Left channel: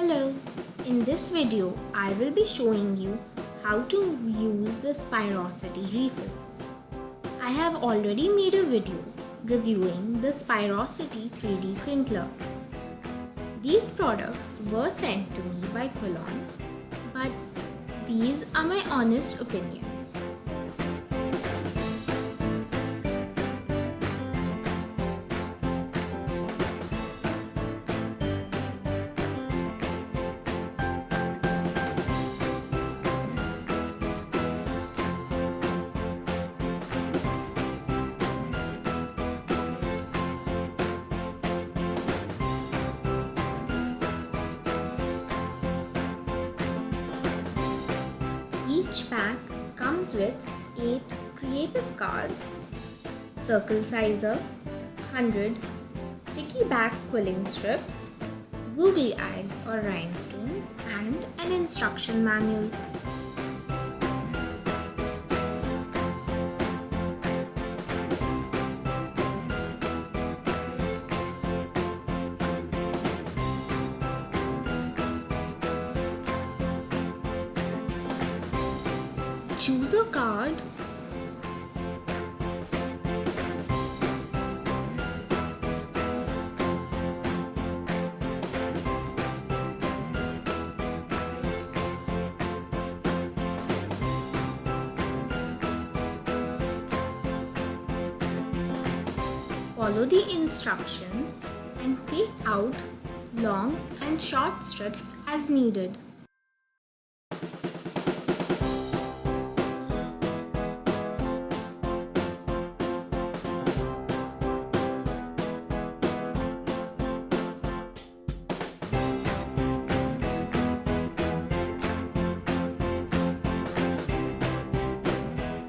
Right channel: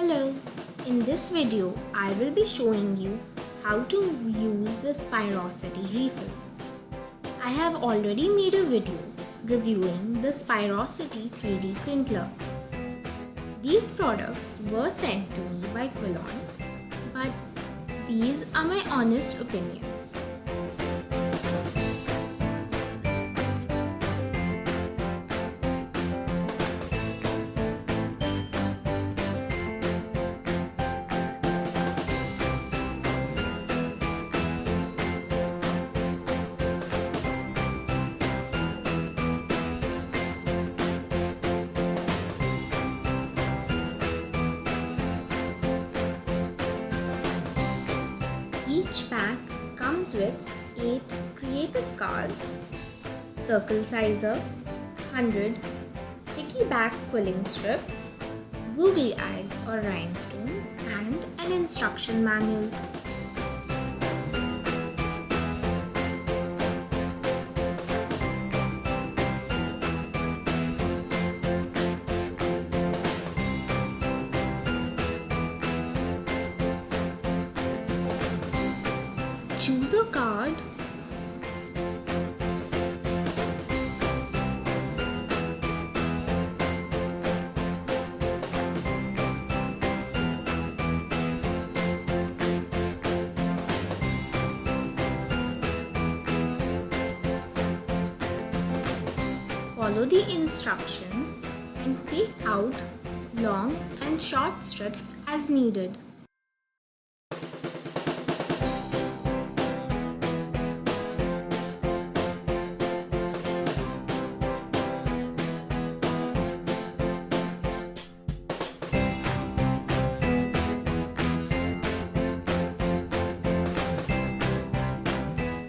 Hello, in this video I will be showing you how to use the spyrosity refills. I have already made a video reviewing the spyrosity 3D crinkler. These products were sent to me by Quilling, but these are my honest opinions. Each pack comes with 8 creative cards, circle sizer, 100 sticky back quilling strips, googly eyes or rhinestones, and an instruction manual. Choose a card follow the instructions and take out long and short strips as needed.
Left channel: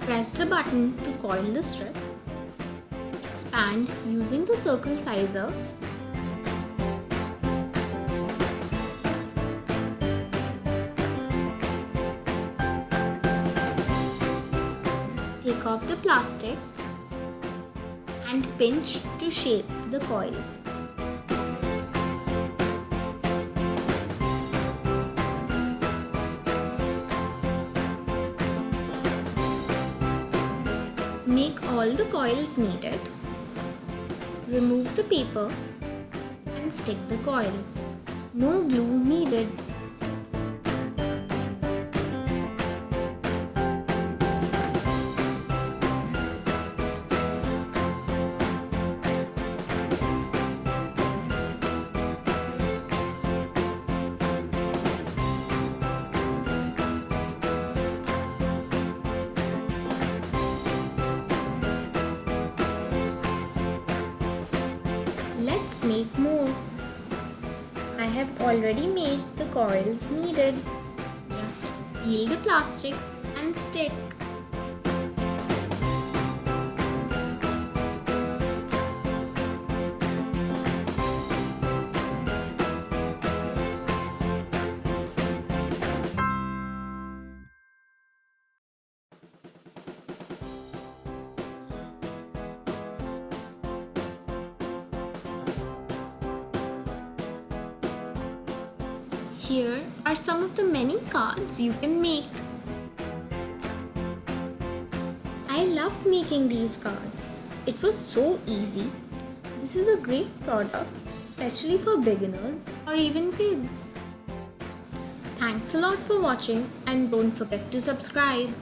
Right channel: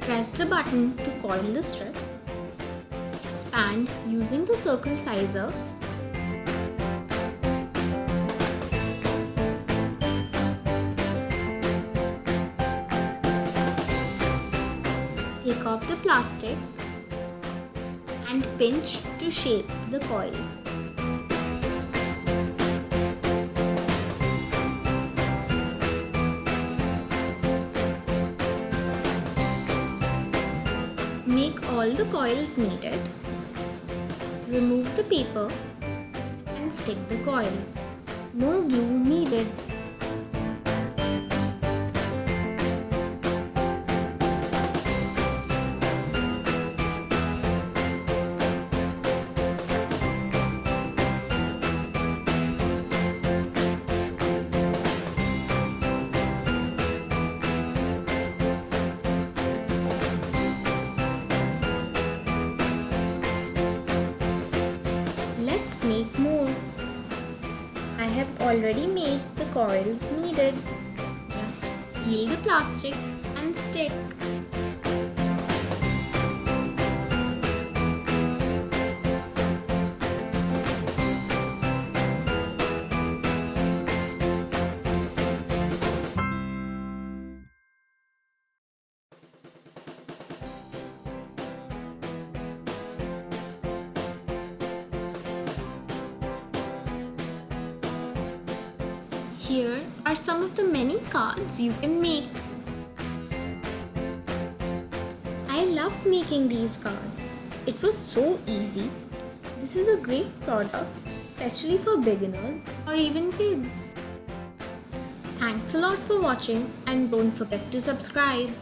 Press the button to coil the strip. Expand using the circle sizer. Take off the plastic and pinch to shape the coil. Make all the coils needed. Remove the paper and stick the coils. No glue needed. Let's make more. I have already made the coils needed. Just peel the plastic and stick. Here are some of the many cards you can make. I loved making these cards. It was so easy. This is a great product, especially for beginners or even kids. Thanks a lot for watching and don't forget to subscribe.